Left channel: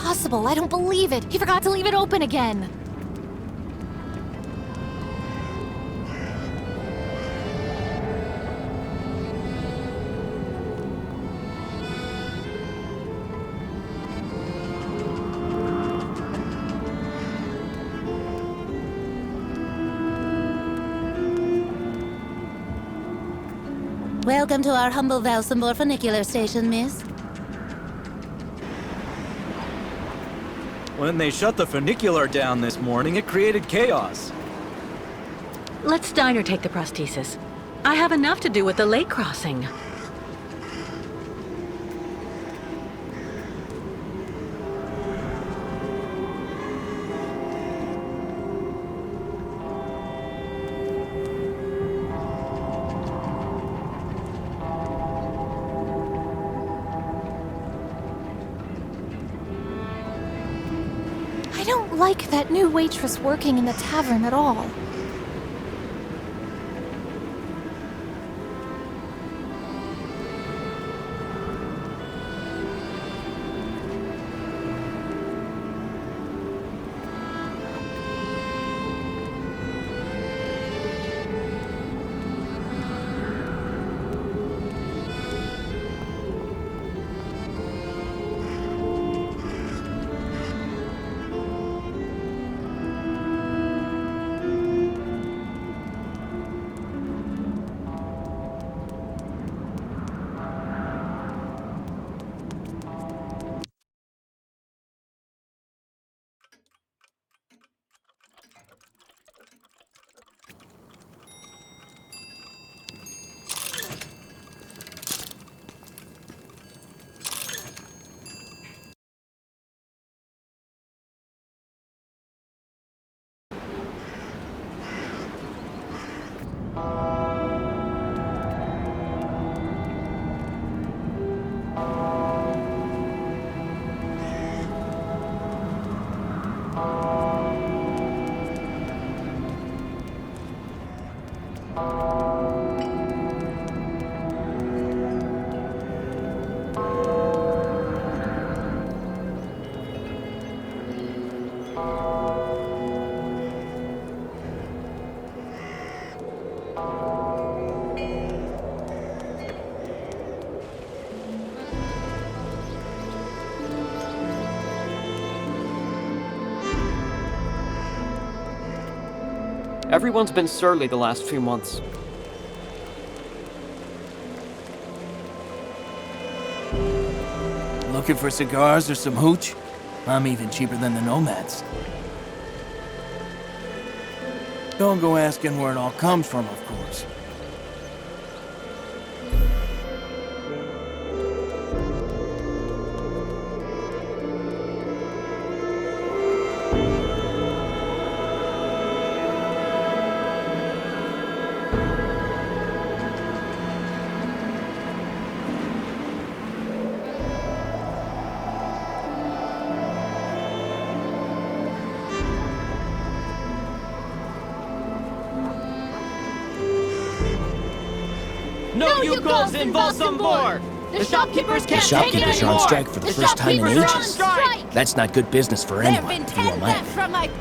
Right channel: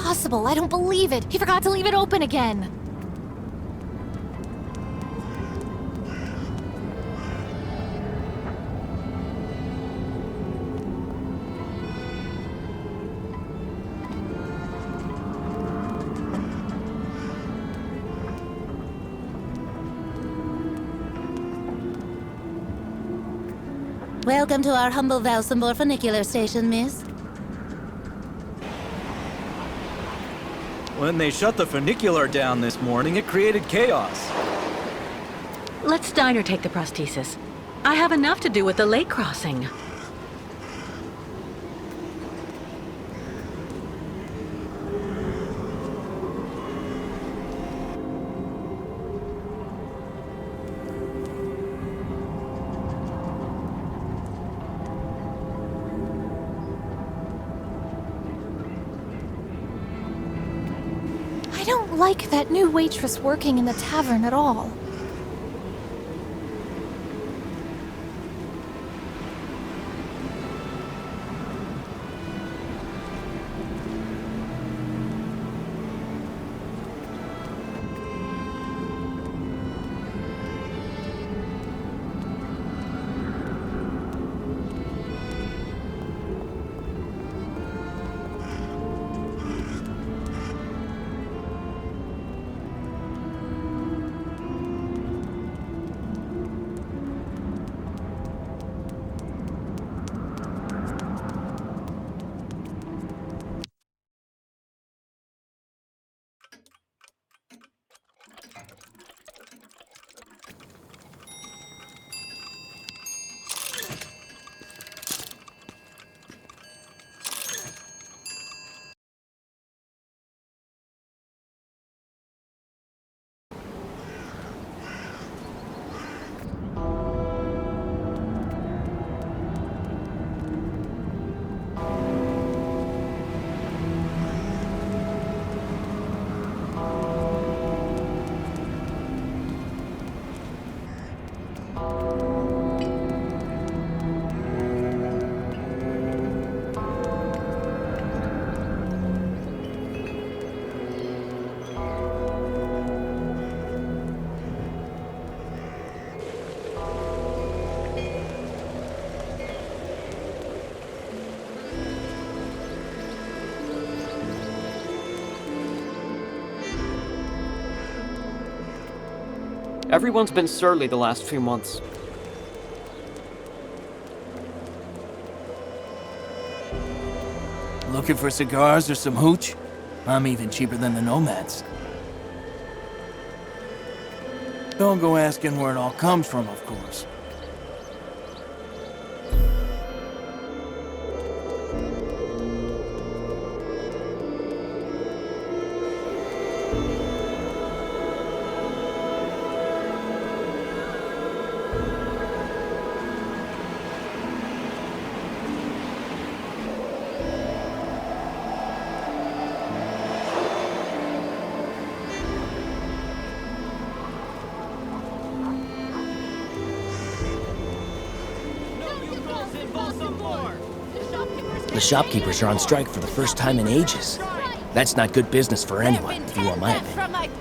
impossible. I don't believe it. He forgot to leave it open again. Welcome to our humble Valsambor funicular station, miss. When they shut the funicular down this morning, it created chaos. Let Steiner take the prosthesis. I have enough to do with the lake crossing. I don't like that new waitress working in the tavern at all. Everyone's been surly the last few months. Looking for cigars or some hooch? I'm even cheaper than the nomads. Don't go asking where it all comes from, of course. No Yukos in Valsambor! The shopkeepers are on strike for the first time in ages. That's not good business for anyone, if you want my opinion.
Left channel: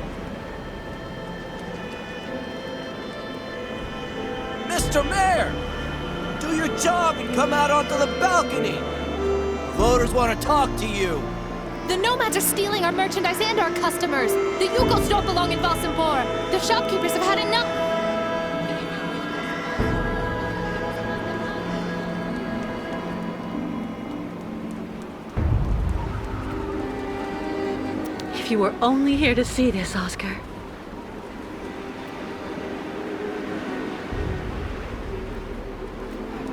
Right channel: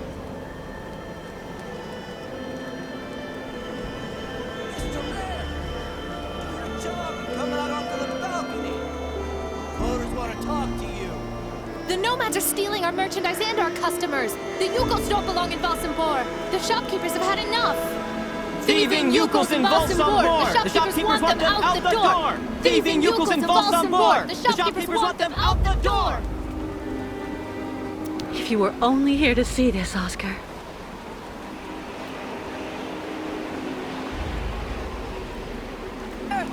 Mr. Mayor! Do your job and come out onto the balcony! Voters want to talk to you. The nomads are stealing our merchandise and our customers. The Yukos don't belong in Valsambor. The shopkeepers have had enough. Thieving Yukos in Valsambor! The shopkeepers want them out the door! Thieving Yukos in Valsambor! The shopkeepers want them out the door! If you were only here to see this, Oscar.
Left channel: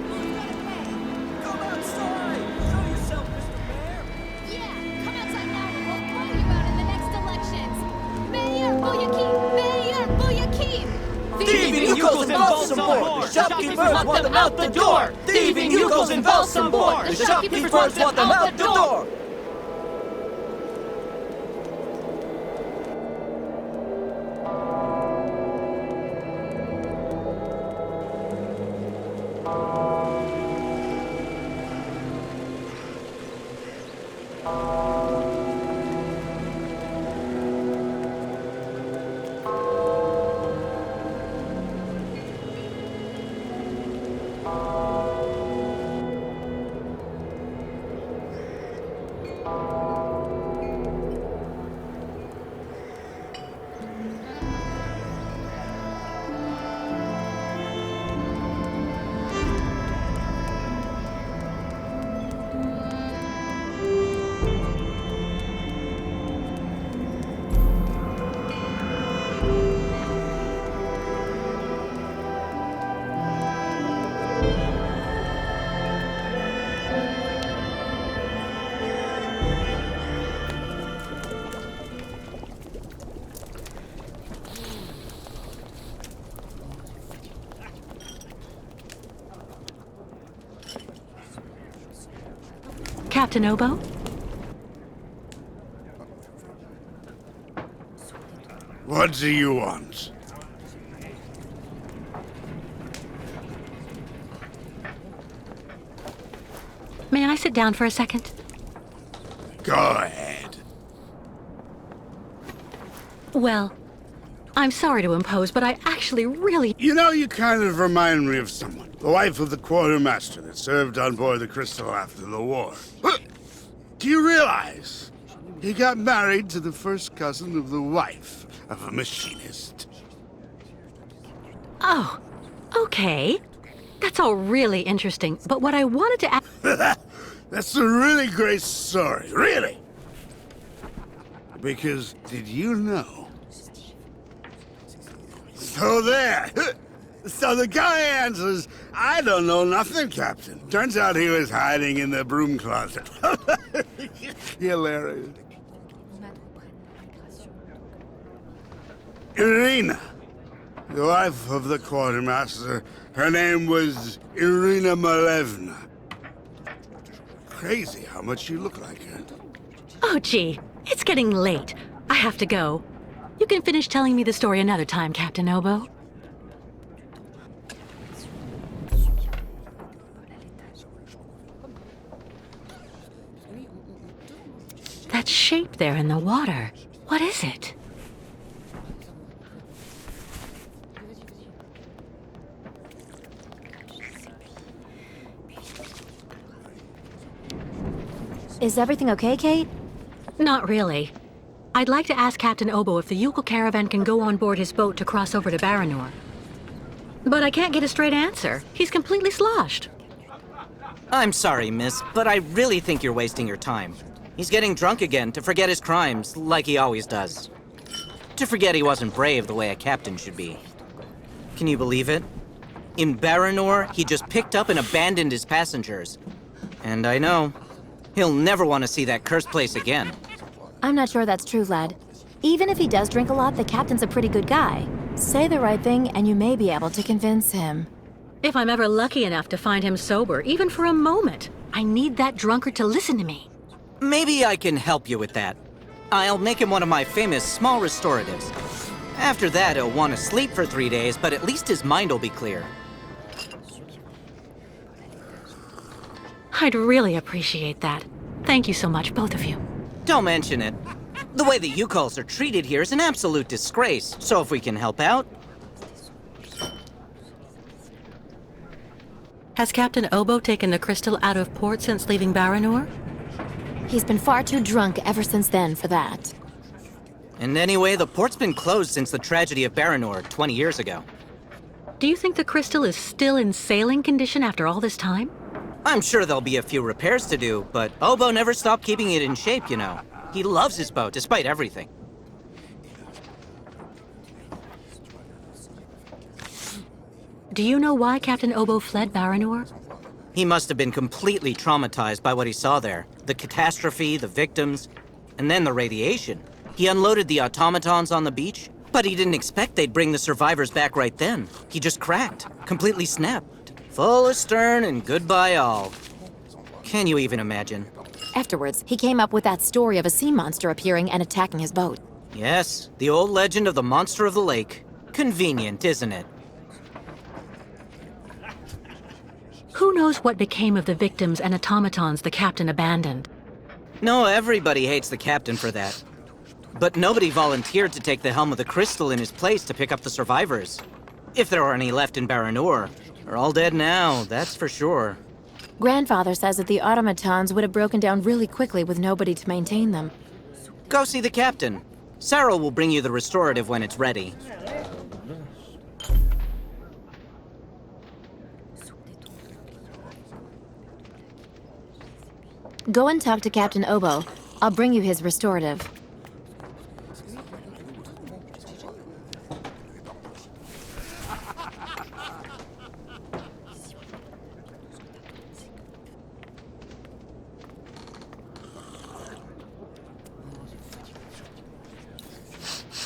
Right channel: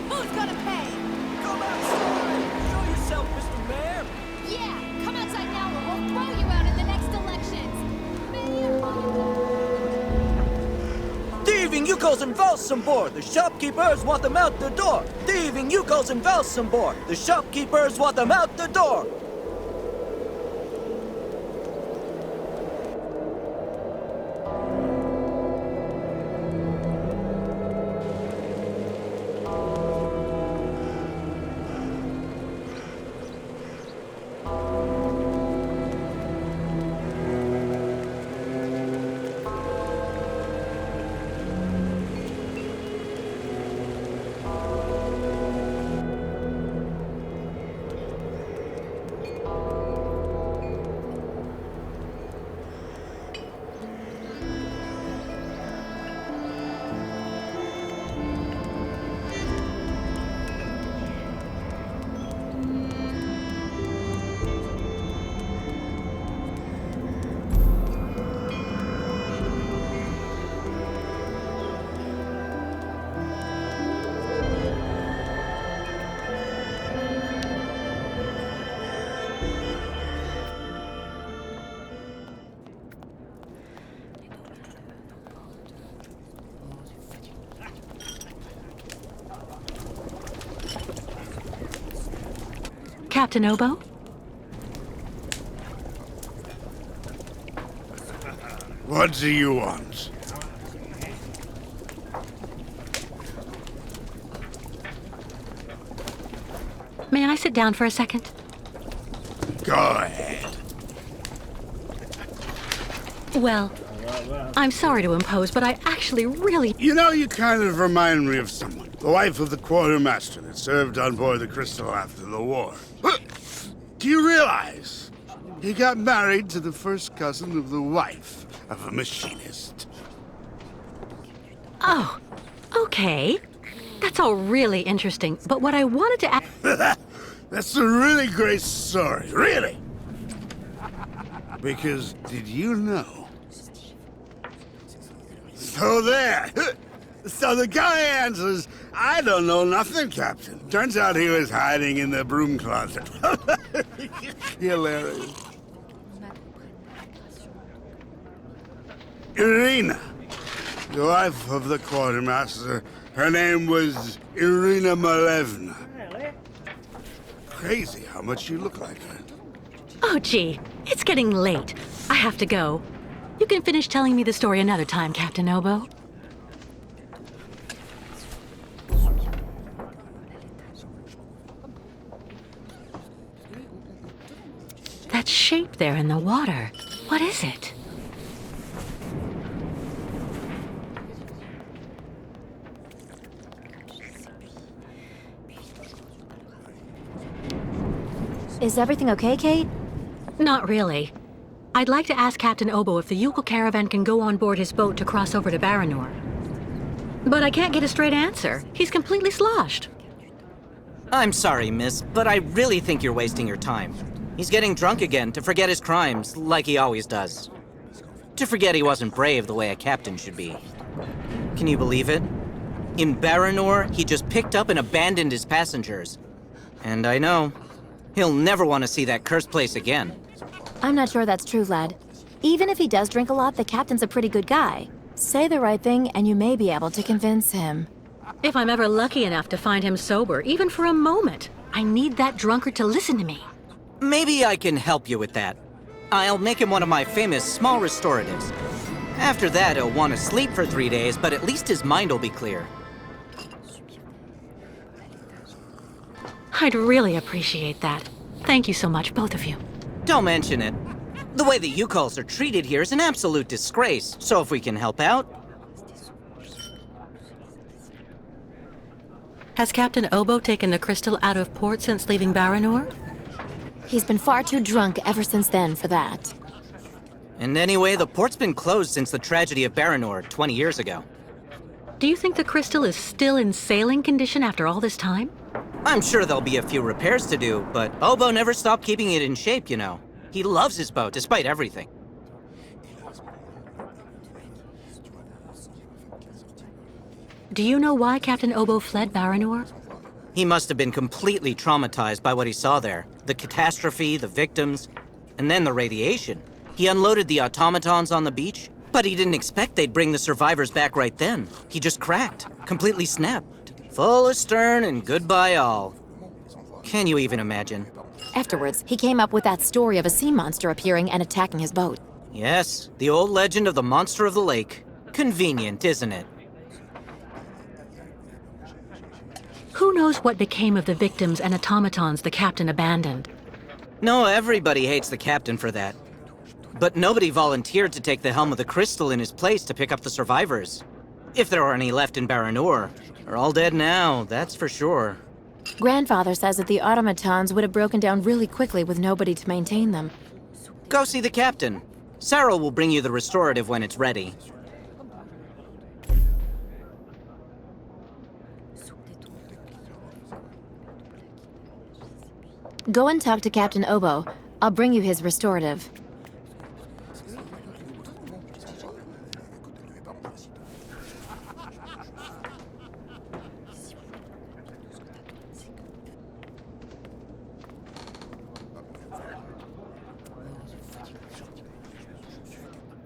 Who's gonna pay? Come outside! Show yourself, Mr. Mayor! Yeah, come outside now or we'll throw you out in the next elections. Mayor, Boyakeep! Mayor, Boyakeep! Thieving Yukos in Valsambor! The shopkeepers want them out the door! Thieving Yukos in Valsambor! The shopkeepers want them out the door! Captain Obo? What do you want? May I sit down for a second? Go ahead. Well, I'm sorry to impose, but I actually really... You know, you kind of remind me of someone. The wife of the quartermaster that served on board the Crystal after the war. Do you realize he got married to the first cousin of the wife of a machinist? Oh, okay. That's all really interesting, but what I wanted to ask... That's a really great story, really. Because, did you know? So there. So the guy answers, I don't know nothing, Captain. Turns out he was hiding in the broom closet. Hilarious. Irina, the wife of the quartermaster, her name was Irina Malevna. Crazy how much you look like her. Oh, gee, it's getting late. I have to go. You can finish telling me the story another time, Captain Obo. That shape there in the water, what is it? Is everything okay, Kate? Not really. I'd like to ask Captain Obo if the Yukon caravan can go on board his boat to cross over to Baranor. But I can't get a straight answer. He's completely sloshed. I'm sorry, miss, but I really think you're wasting your time. He's getting drunk again to forget his crimes, like he always does. To forget he wasn't brave the way a captain should be. Can you believe it? In Baranor, he just picked up and abandoned his passengers. And I know, he'll never want to see that cursed place again. I'm not sure that's true, lad. Even if he does drink a lot, the captain's a pretty good guy. Say the right thing, and you may be able to convince him. If I'm ever lucky enough to find him sober, even for a moment, I need that drunkard to listen to me. Maybe I can help you with that. I'll make him one of my famous small restoratives. After that, he'll want to sleep for 3 days, but at least his mind will be clear. I'd really appreciate that. Thank you so much, both of you. Don't mention it. The way the Yukols are treated here is an absolute disgrace, so if we can help out... Has Captain Obo taken the crystal out of port since leaving Baranor? He's been far too drunk ever since then for that. And anyway, the port's been closed since the tragedy of Baranor 20 years ago. Do you think the crystal is still in sailing condition after all this time? I'm sure there'll be a few repairs to do, but Obo never stopped keeping it in shape, you know. He loves his boat, despite everything. Do you know why Captain Obo fled Baranor? He must have been completely traumatized by what he saw there. The catastrophe, the victims, and then the radiation. He unloaded the automatons on the beach, but he didn't expect they'd bring the survivors back right then. He just cracked, completely snapped. Full astern and goodbye all. Can you even imagine? Afterwards, he came up with that story of a sea monster appearing and attacking his boat. Yes, the old legend of the monster of the lake. Convenient, isn't it? Who knows what became of the victims and automatons the captain abandoned? No, everybody hates the captain for that. But nobody volunteered to take the helm of the crystal in his place to pick up the survivors. If there are any left in Baranor. They're all dead now, that's for sure. Grandfather says that the automatons would have broken down really quickly with nobody to maintain them. Go see the captain. Sarah will bring you the restorative when it's ready. Go and talk to Captain Obo. I'll bring you his restorative.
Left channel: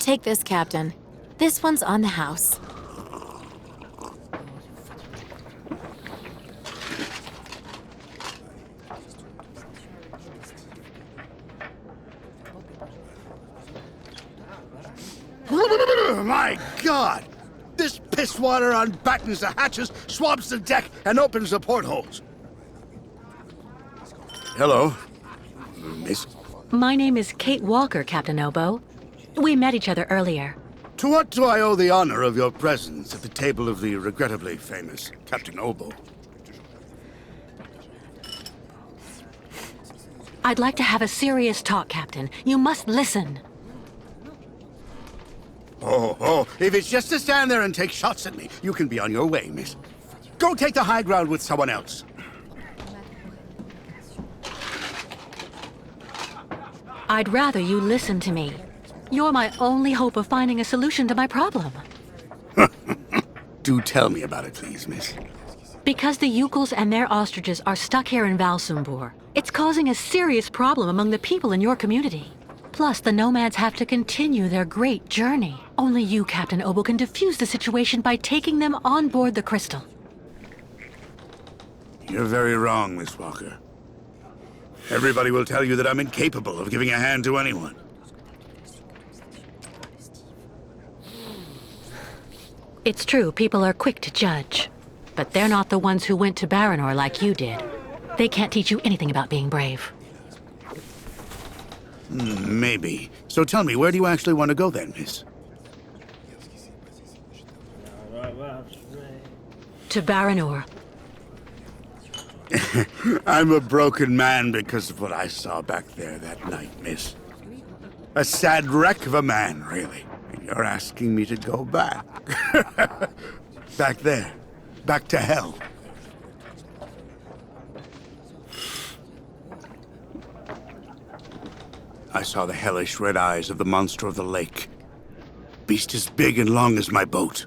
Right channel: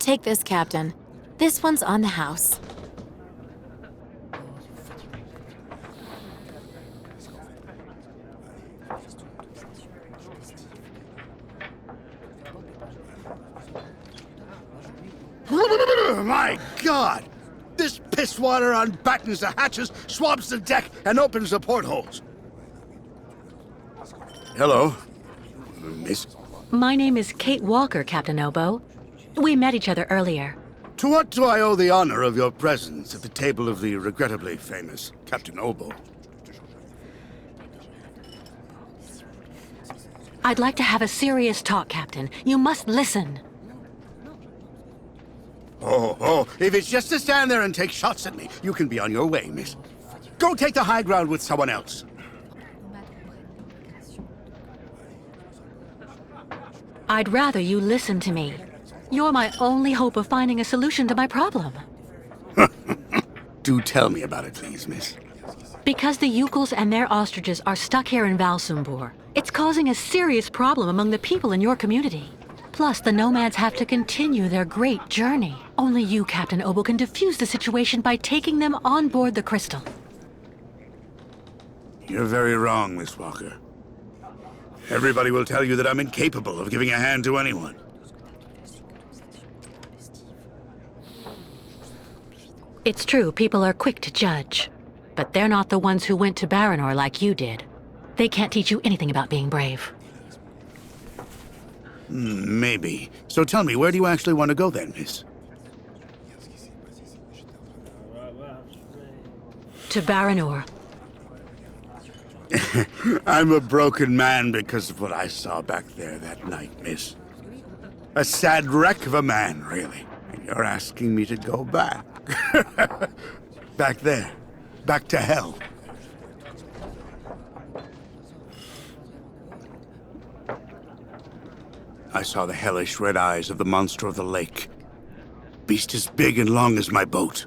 Take this, Captain. This one's on the house. My God! This pisswater unbattens the hatches, swabs the deck, and opens the portholes. Hello, Miss. My name is Kate Walker, Captain Obo. We met each other earlier. To what do I owe the honor of your presence at the table of the regrettably famous Captain Obo? I'd like to have a serious talk, Captain. You must listen. Oh, if it's just to stand there and take shots at me, you can be on your way, miss. Go take the high ground with someone else. I'd rather you listen to me. You're my only hope of finding a solution to my problem. Do tell me about it, please, miss. Because the Yukels and their ostriches are stuck here in Valsumbor, it's causing a serious problem among the people in your community. Plus, the nomads have to continue their great journey. Only you, Captain Obo, can defuse the situation by taking them on board the Crystal. You're very wrong, Miss Walker. Everybody will tell you that I'm incapable of giving a hand to anyone. It's true, people are quick to judge. But they're not the ones who went to Baranor like you did. They can't teach you anything about being brave. Maybe. So tell me, where do you actually want to go then, miss? To Baranor. I'm a broken man because of what I saw back there that night, miss. A sad wreck of a man, really. And you're asking me to go back. Back there. Back to hell. I saw the hellish red eyes of the monster of the lake. Beast as big and long as my boat.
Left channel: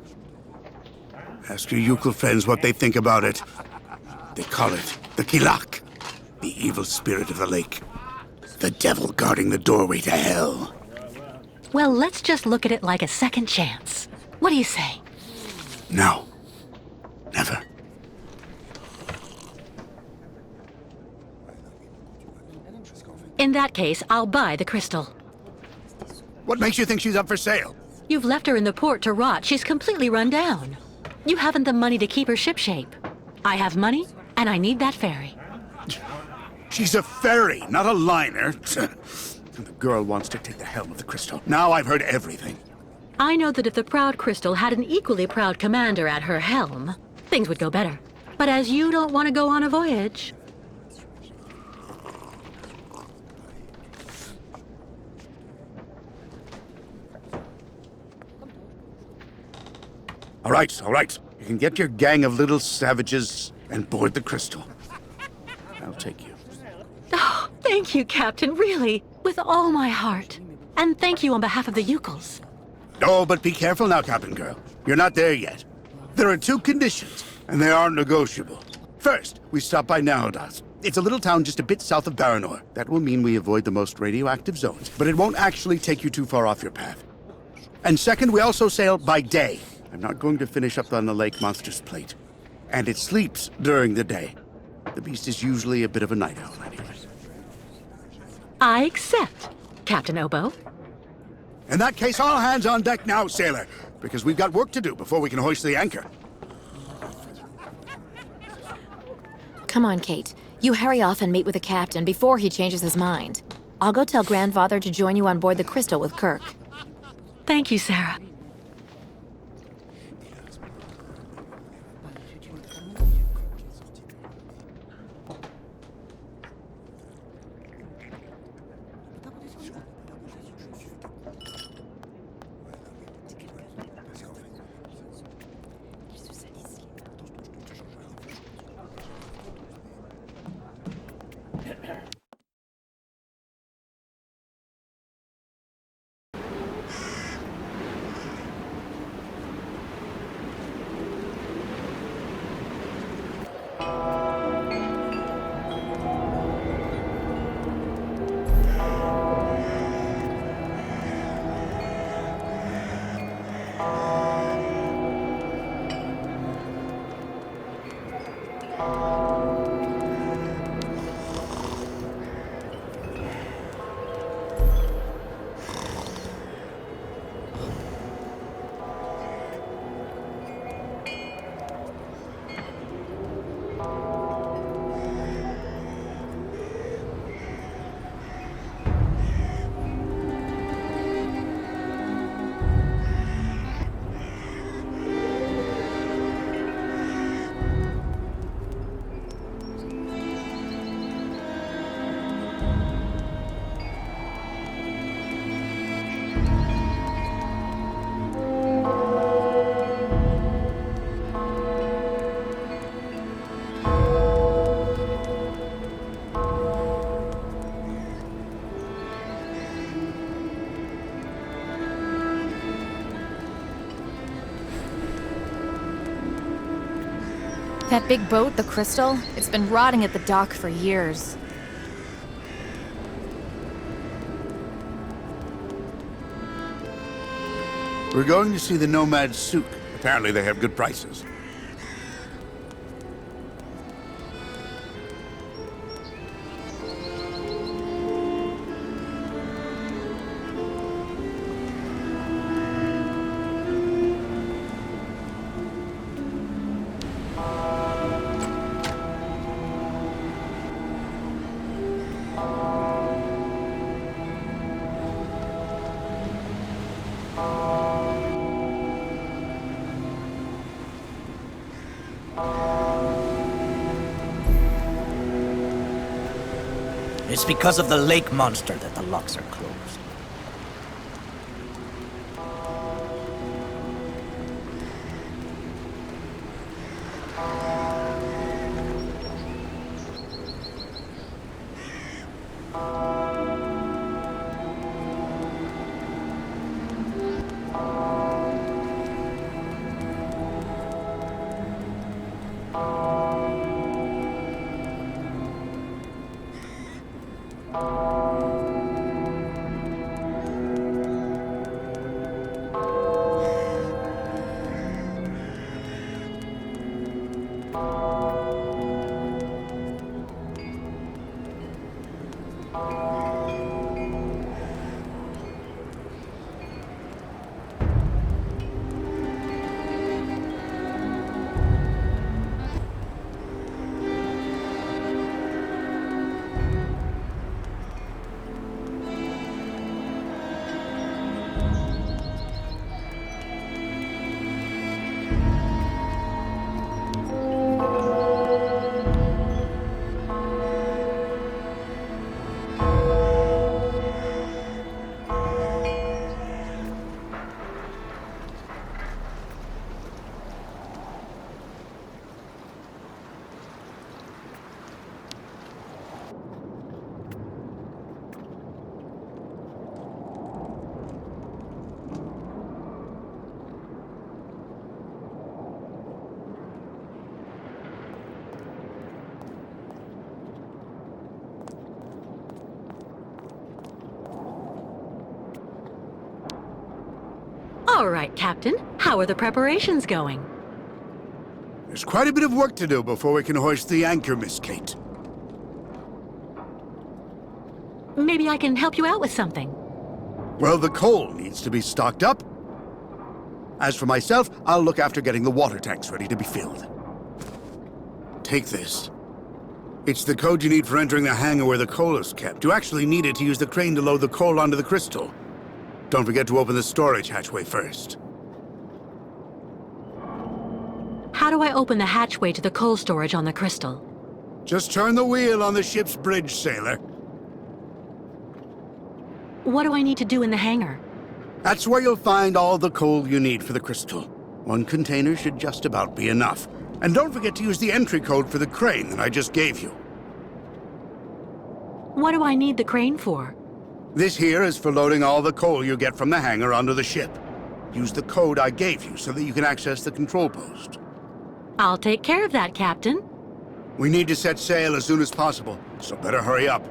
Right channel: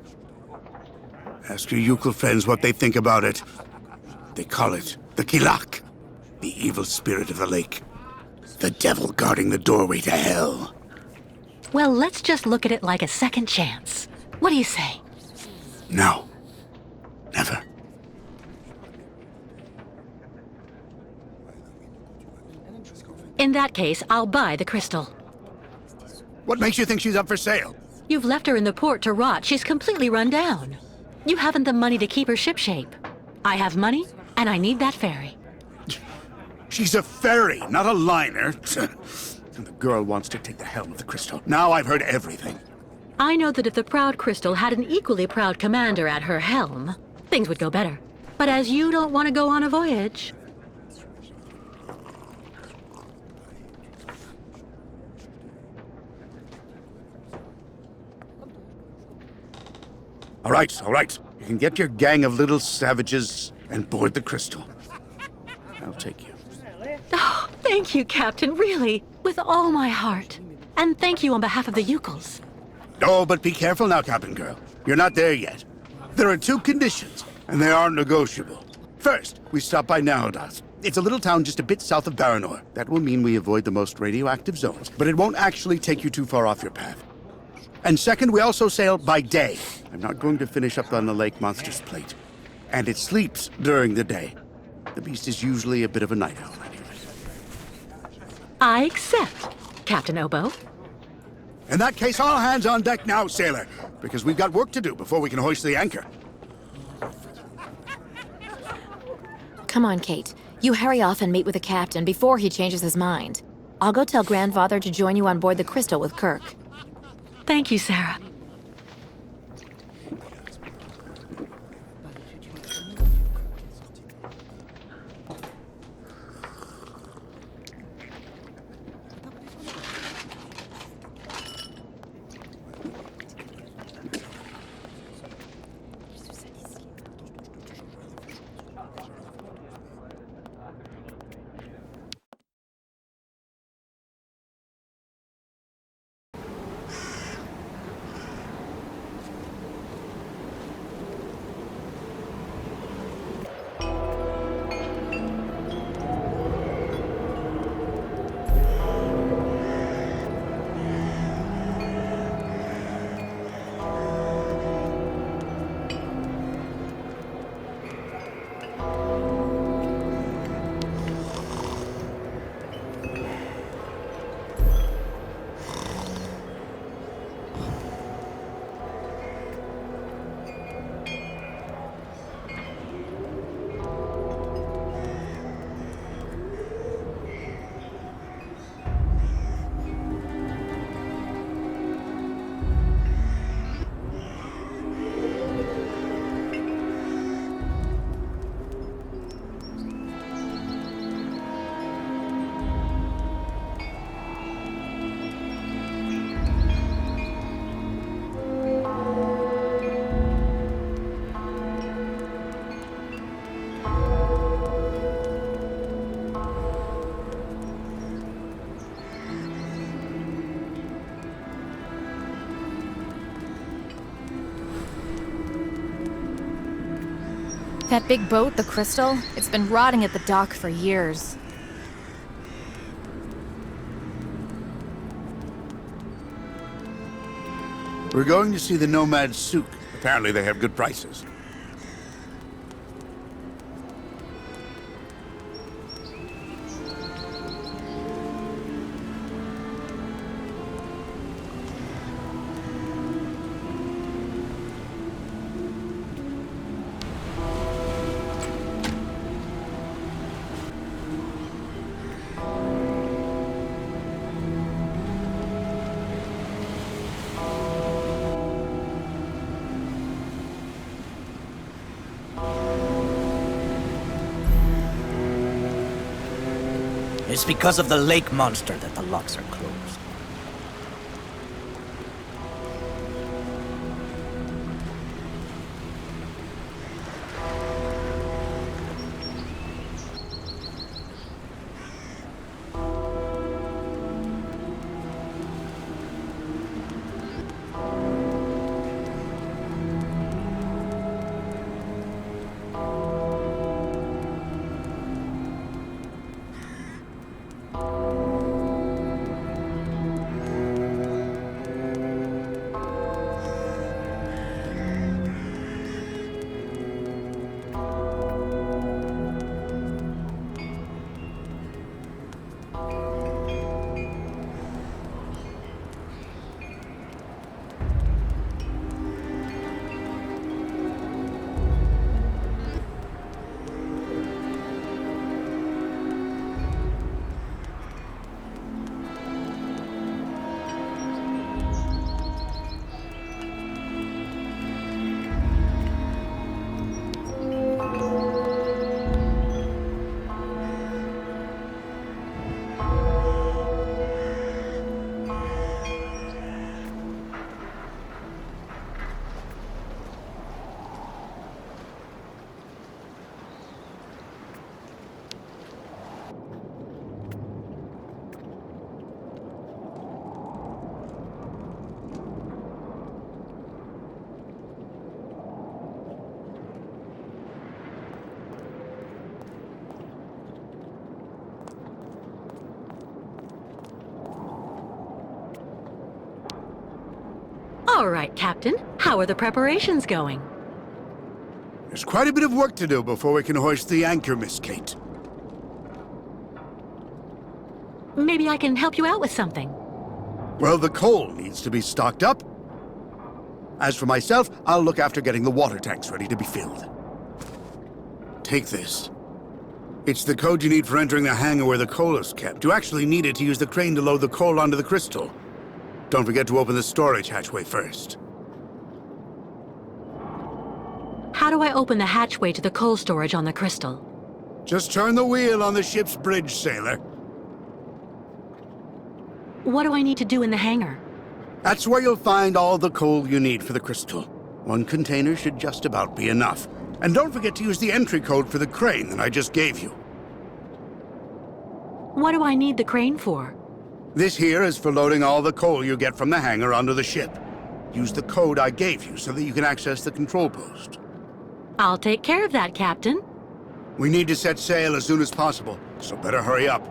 Ask your Yukel friends what they think about it. They call it the Kilak, the evil spirit of the lake. The devil guarding the doorway to hell. Well, let's just look at it like a second chance. What do you say? No. Never. In that case, I'll buy the crystal. What makes you think she's up for sale? You've left her in the port to rot. She's completely run down. You haven't the money to keep her shipshape. I have money, and I need that ferry. She's a ferry, not a liner. And the girl wants to take the helm of the crystal. Now I've heard everything. I know that if the proud crystal had an equally proud commander at her helm, things would go better. But as you don't want to go on a voyage... All right. You can get your gang of little savages and board the crystal. I'll take you. Oh, thank you, Captain, really, with all my heart. And thank you on behalf of the Yukels. Oh, but be careful now, Captain Girl. You're not there yet. There are 2 conditions, and they aren't negotiable. First, we stop by Narodas. It's a little town just a bit south of Baranor. That will mean we avoid the most radioactive zones, but it won't actually take you too far off your path. And second, we also sail by day. I'm not going to finish up on the lake monster's plate. And it sleeps during the day. The beast is usually a bit of a night owl anyway. I accept, Captain Obo. In that case, all hands on deck now, sailor, because we've got work to do before we can hoist the anchor. Come on, Kate. You hurry off and meet with the captain before he changes his mind. I'll go tell Grandfather to join you on board the Crystal with Kirk. Thank you, Sarah. That big boat, the Crystal, it's been rotting at the dock for years. We're going to see the Nomad Souk. Apparently they have good prices. It's because of the lake monster that the locks are closed. All right, Captain. How are the preparations going? There's quite a bit of work to do before we can hoist the anchor, Miss Kate. Maybe I can help you out with something. Well, the coal needs to be stocked up. As for myself, I'll look after getting the water tanks ready to be filled. Take this. It's the code you need for entering the hangar where the coal is kept. You actually need it to use the crane to load the coal onto the crystal. Don't forget to open the storage hatchway first. How do I open the hatchway to the coal storage on the crystal? Just turn the wheel on the ship's bridge, sailor. What do I need to do in the hangar? That's where you'll find all the coal you need for the crystal. One container should just about be enough. And don't forget to use the entry code for the crane that I just gave you. What do I need the crane for? This here is for loading all the coal you get from the hangar onto the ship. Use the code I gave you so that you can access the control post. I'll take care of that, Captain. We need to set sail as soon as possible, so better hurry up.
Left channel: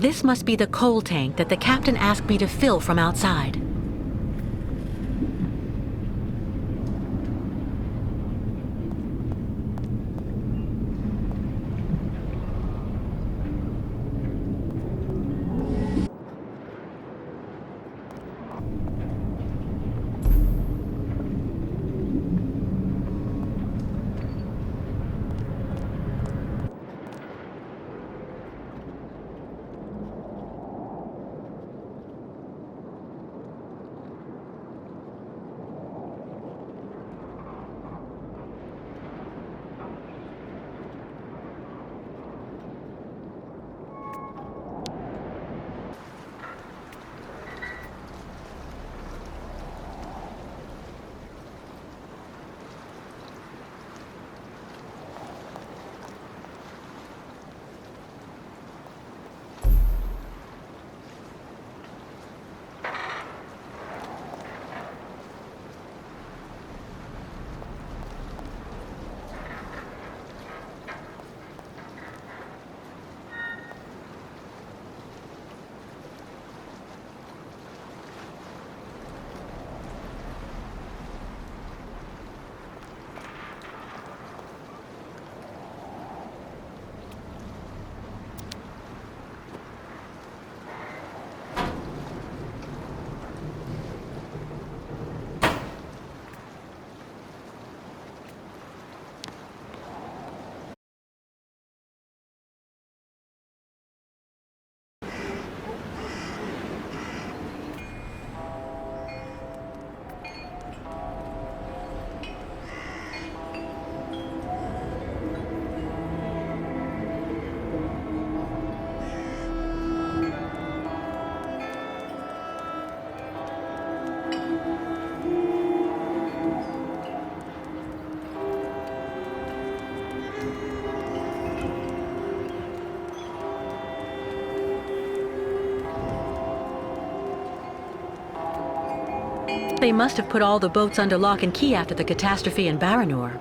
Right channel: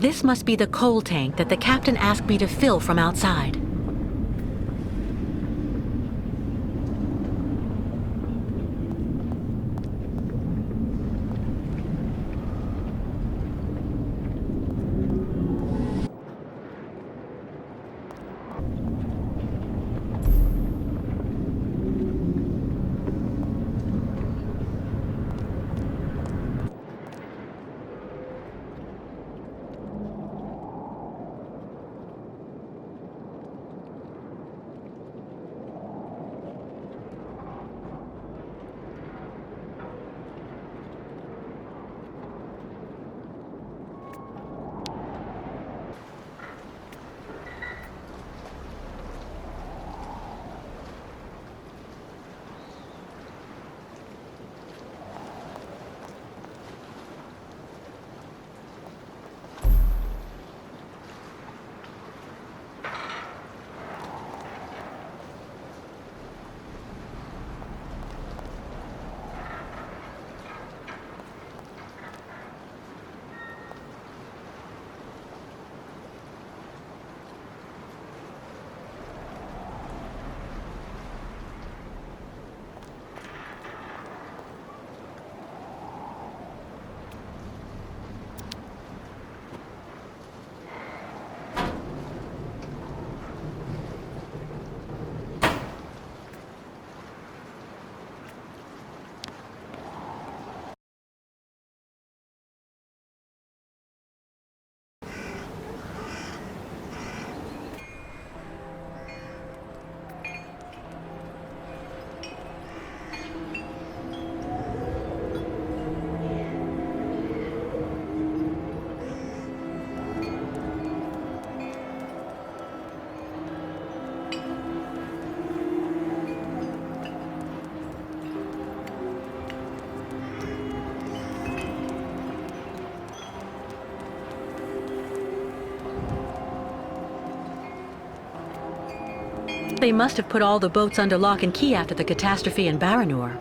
This must be the coal tank that the captain asked me to fill from outside. They must have put all the boats under lock and key after the catastrophe in Baranor.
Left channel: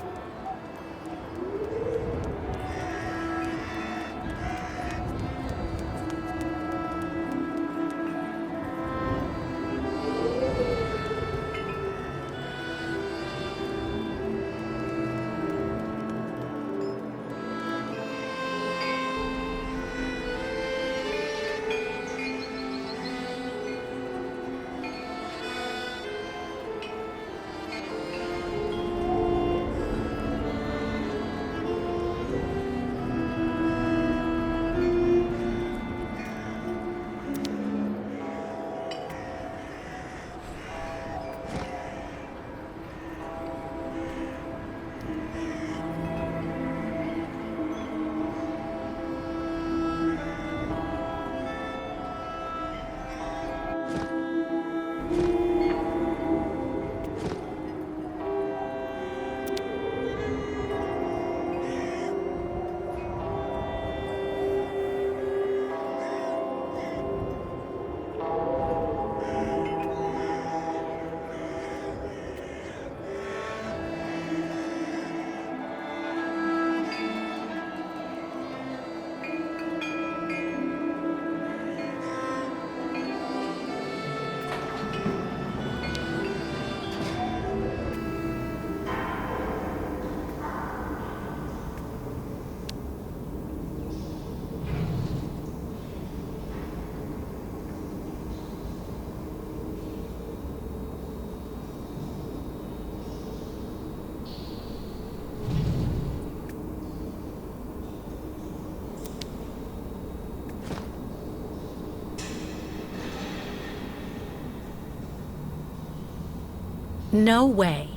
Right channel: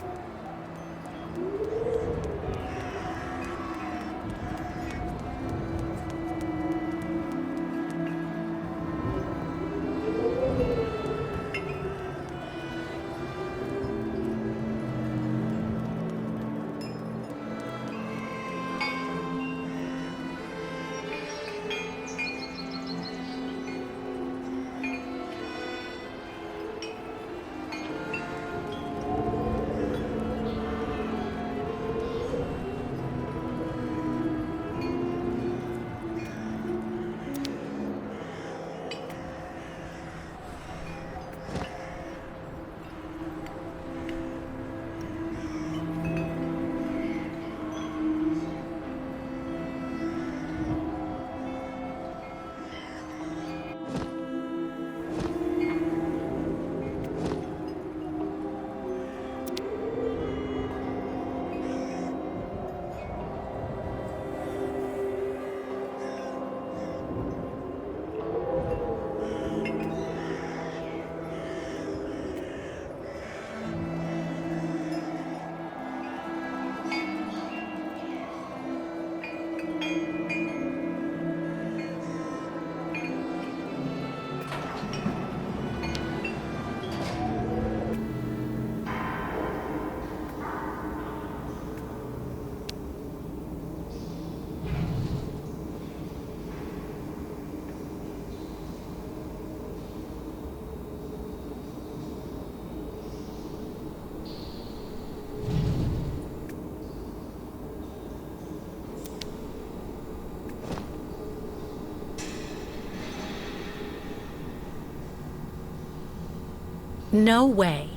No way.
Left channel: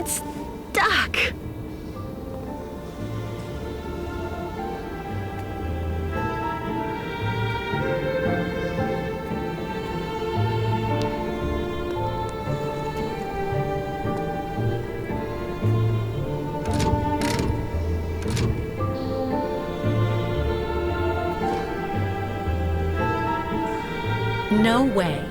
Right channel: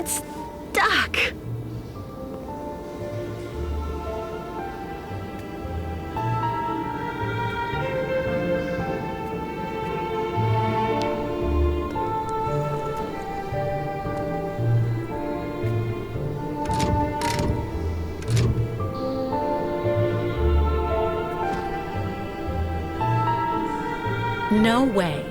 It's stuck. No way.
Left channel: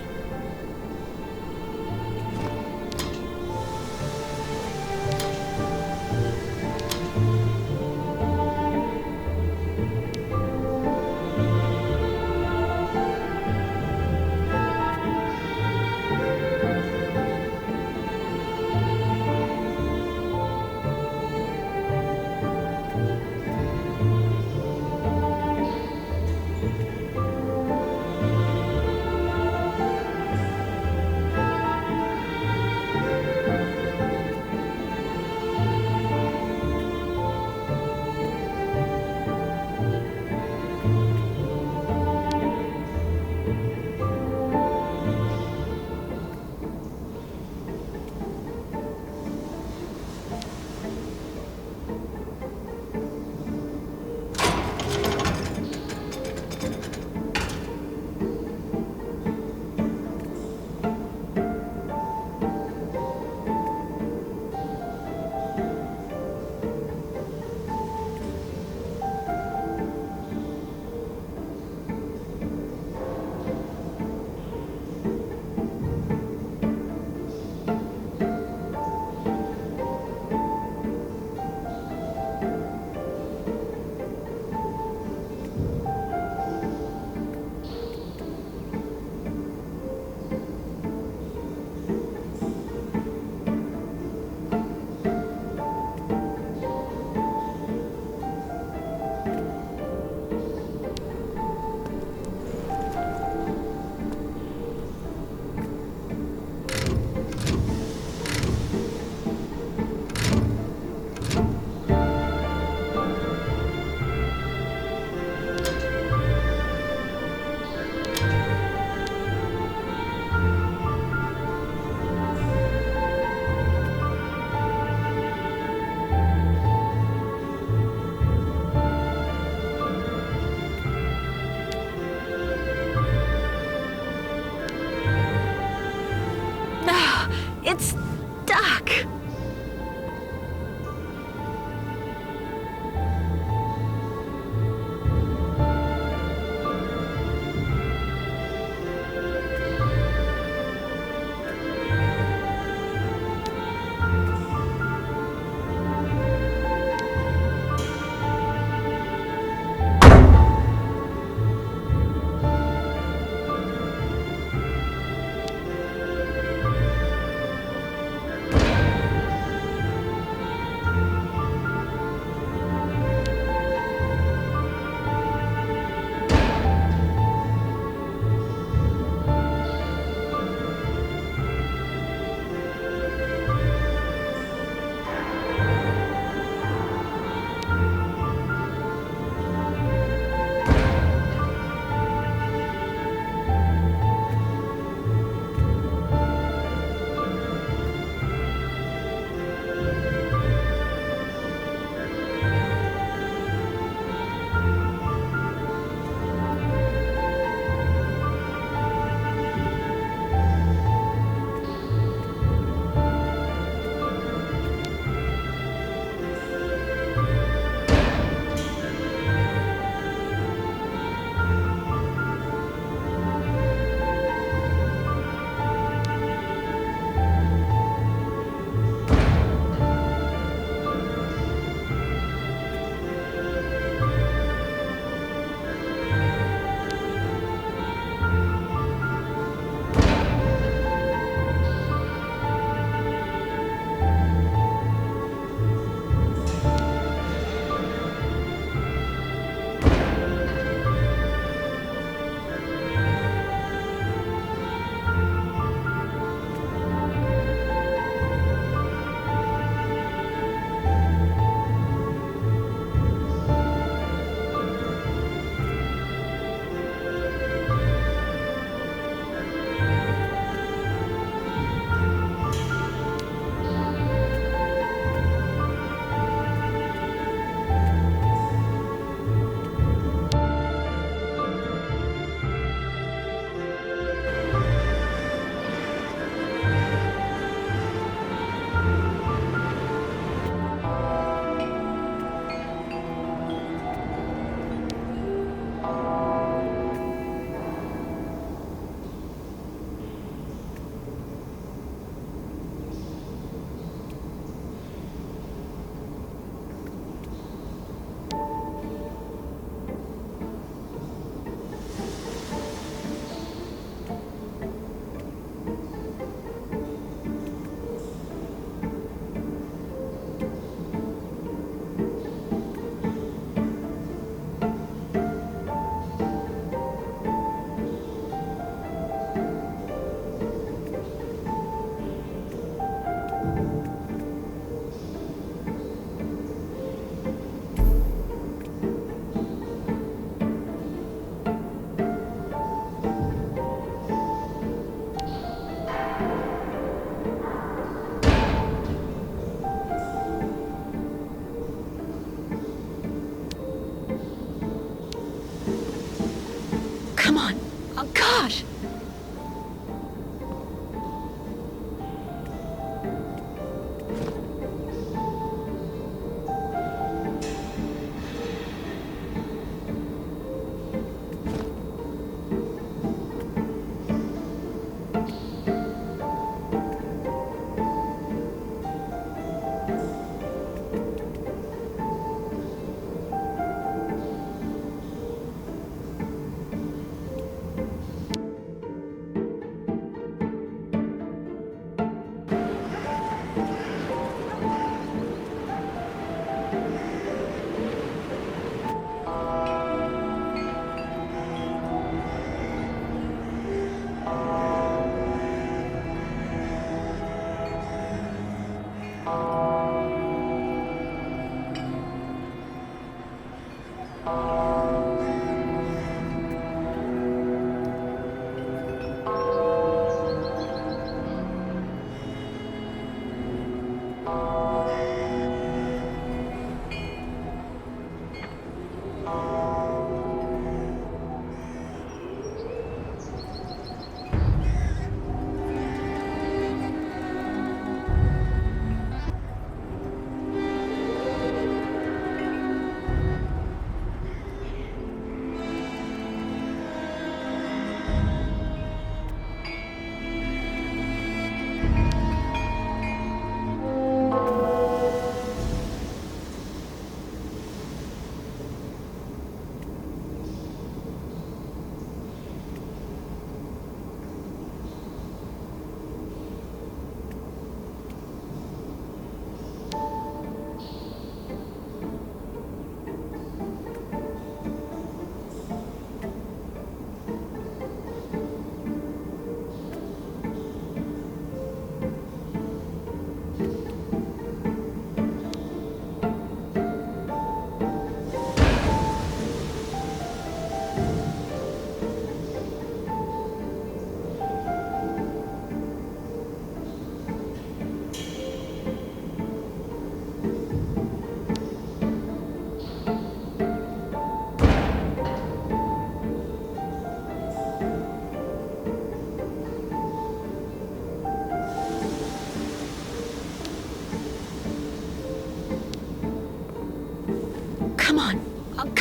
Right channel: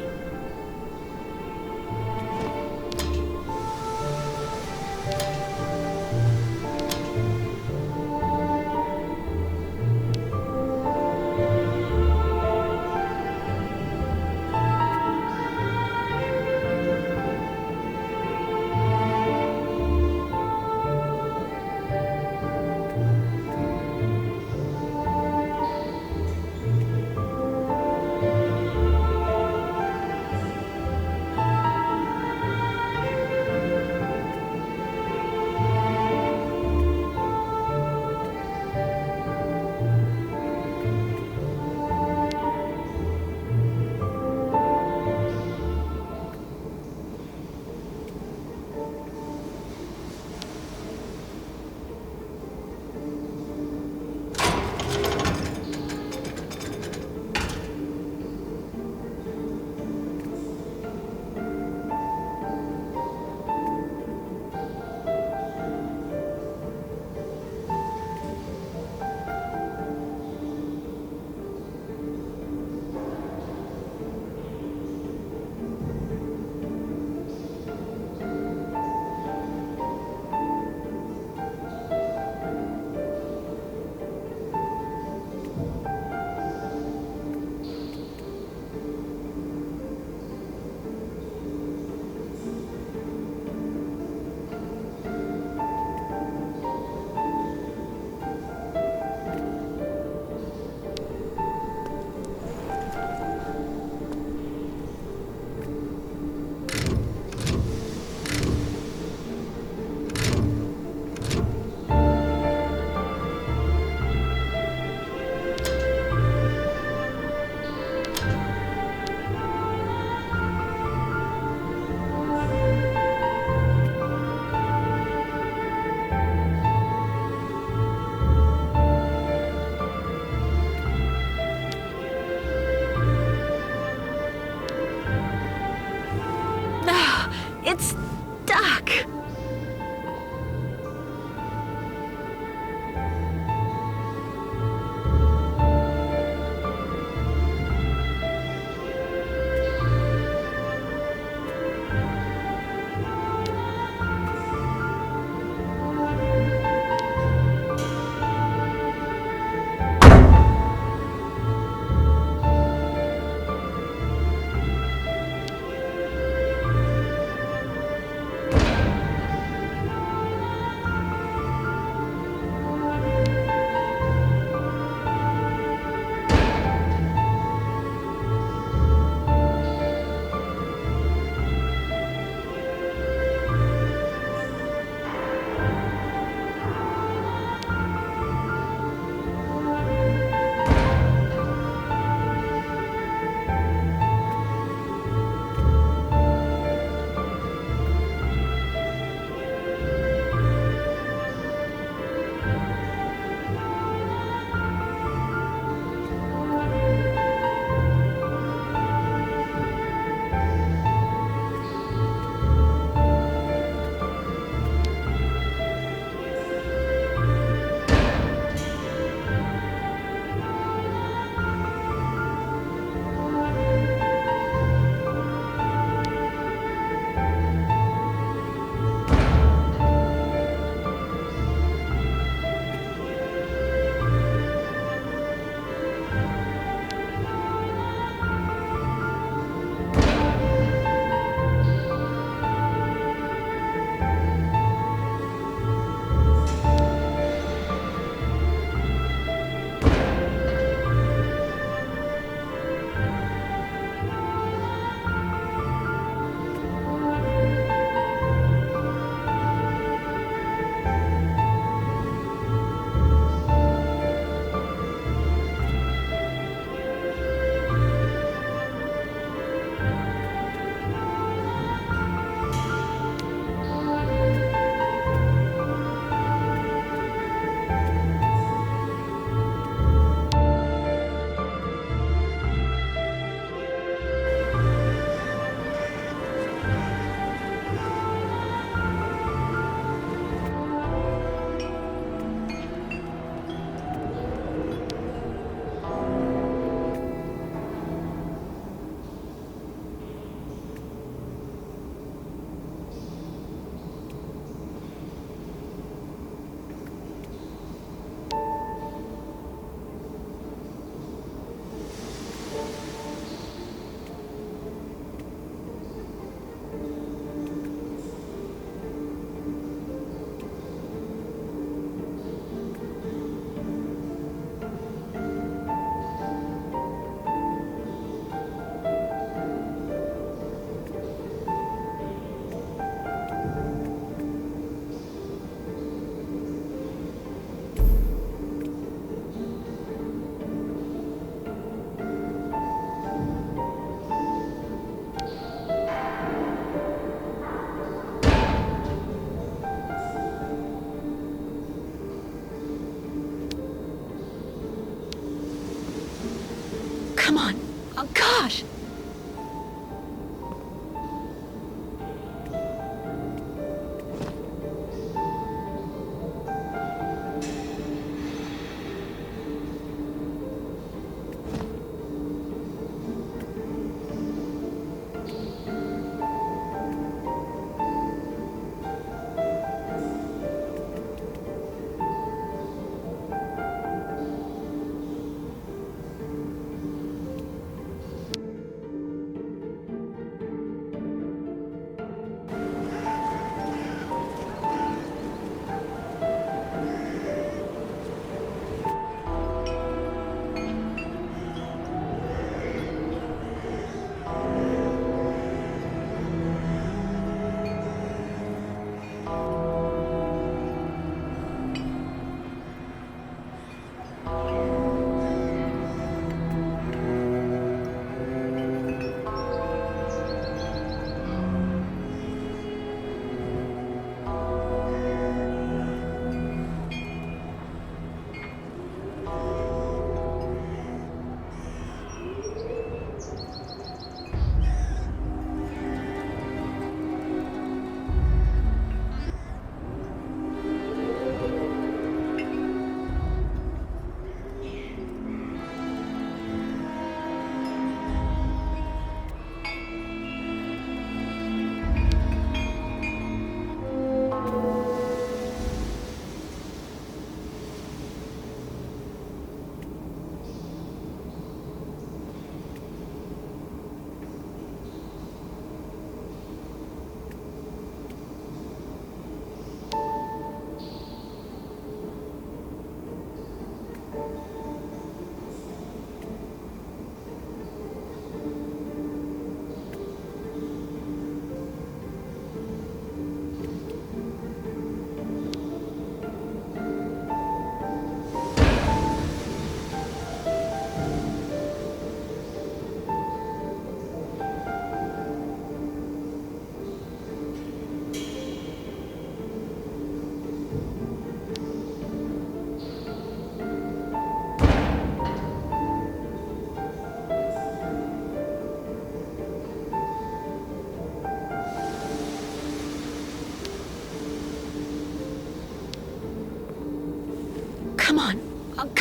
It's stuck.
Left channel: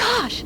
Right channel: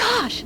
gosh!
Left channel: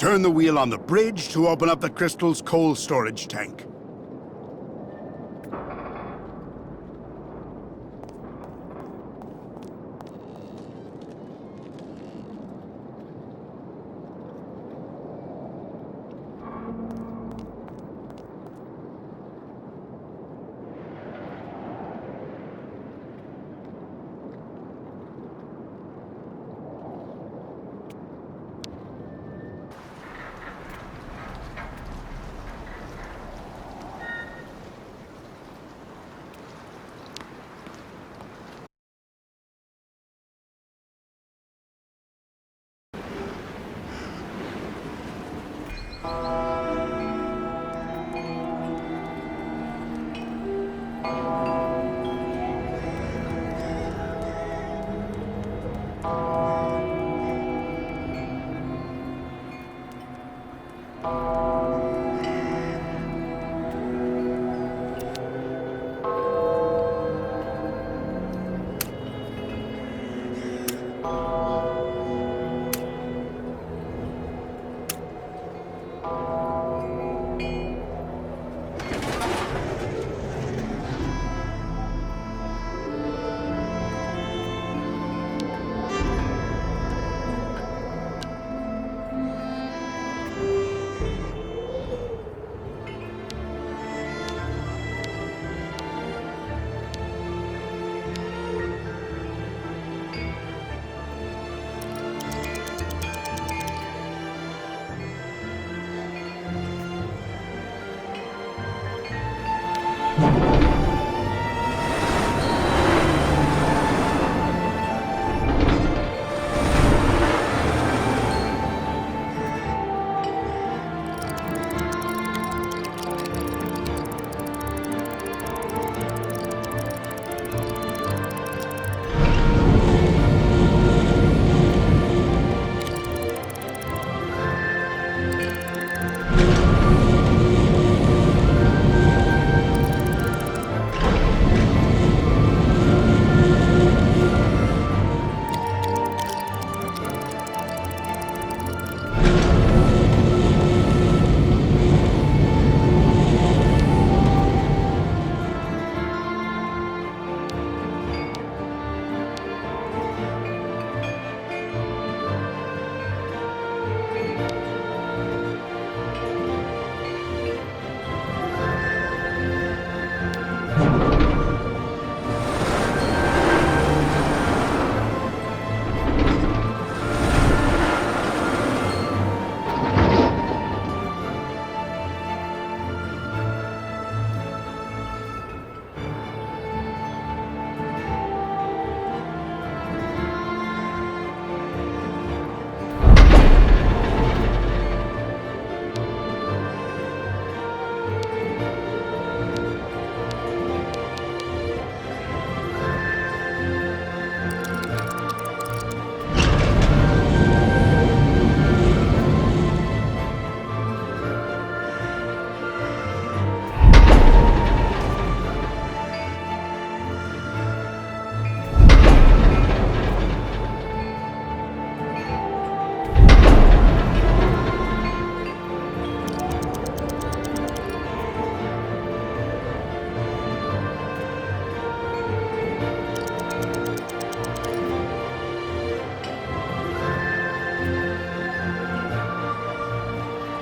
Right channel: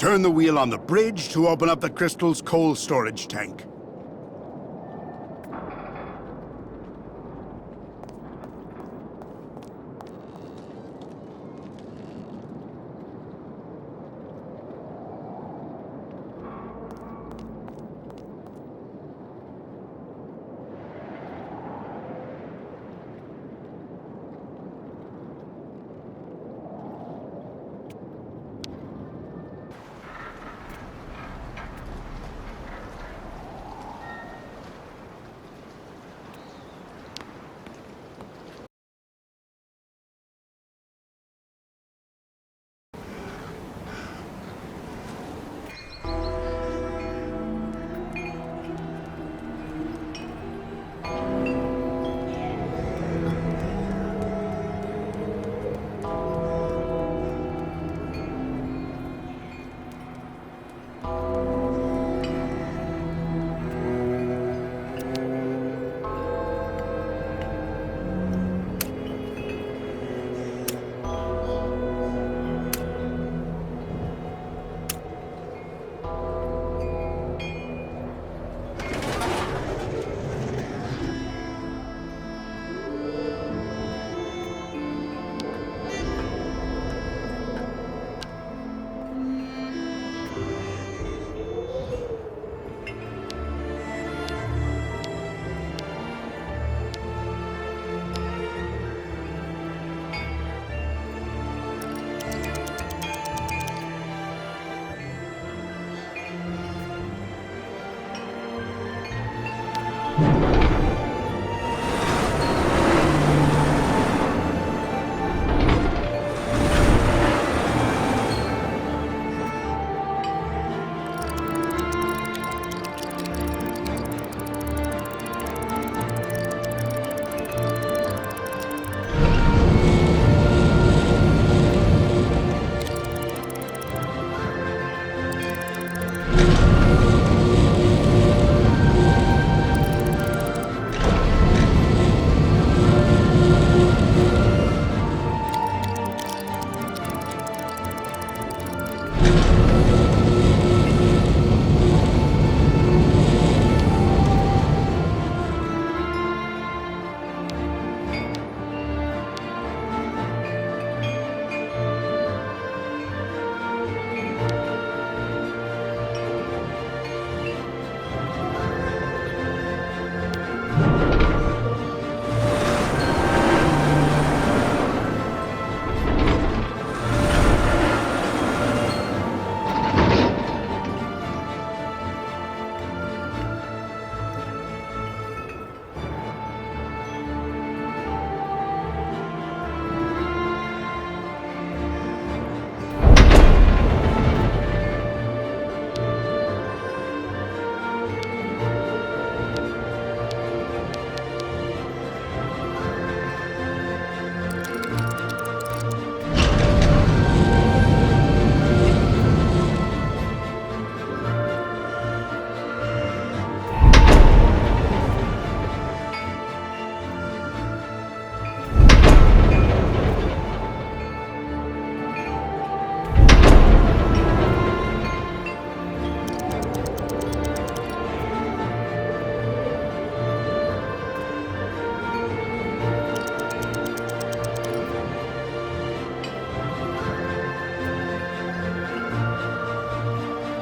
Turn the wheel on the bridge to open up the crystal's coal storage tank.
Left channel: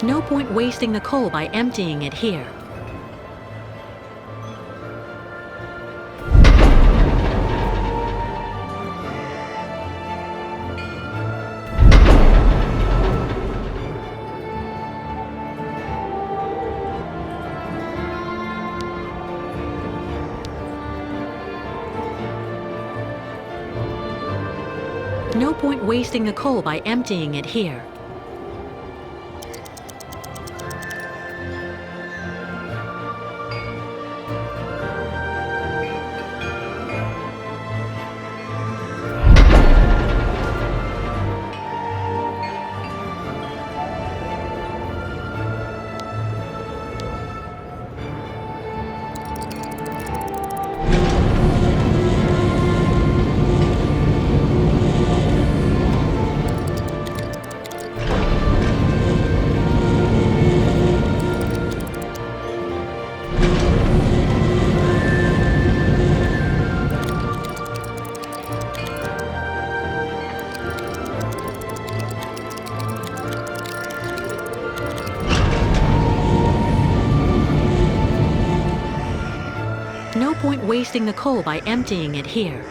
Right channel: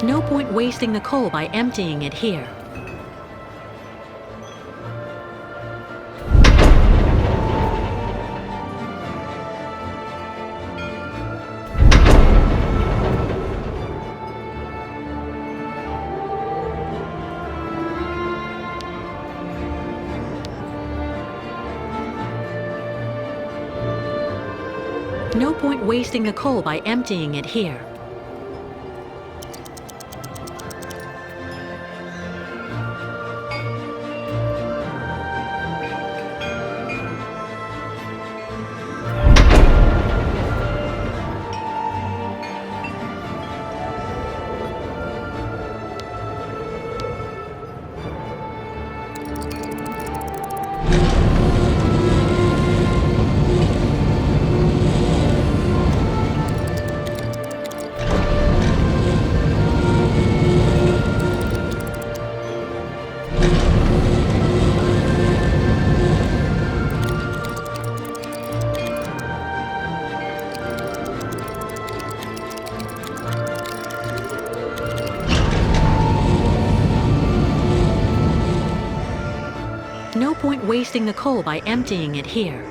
No point wasting the coal by emptying it here. No point wasting the coal by emptying it here. No point wasting the coal by emptying it here.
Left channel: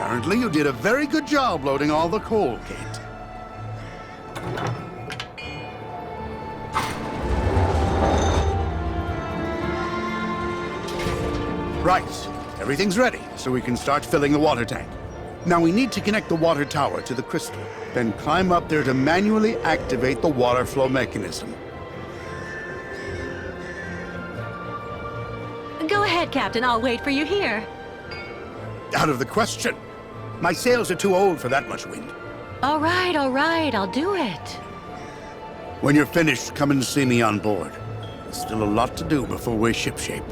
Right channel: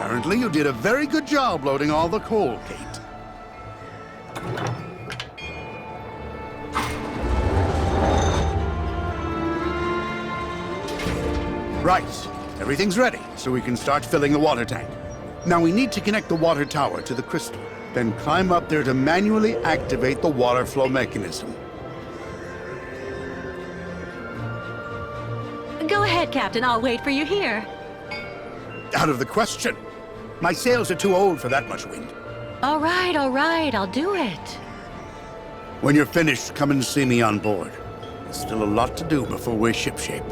Apparently, you did a very good job loading all the coal, Kate. Right. Everything's ready, so we can start filling the water tank. Now we need to connect the water tower to the crystal, then climb up there to manually activate the water flow mechanism. Go ahead, Captain. I'll wait for you here. Out of the question. My sails are too old for that much wind. All right, I'll do it. When you're finished, come and see me on board. There's still a lot to do before we're shipshape.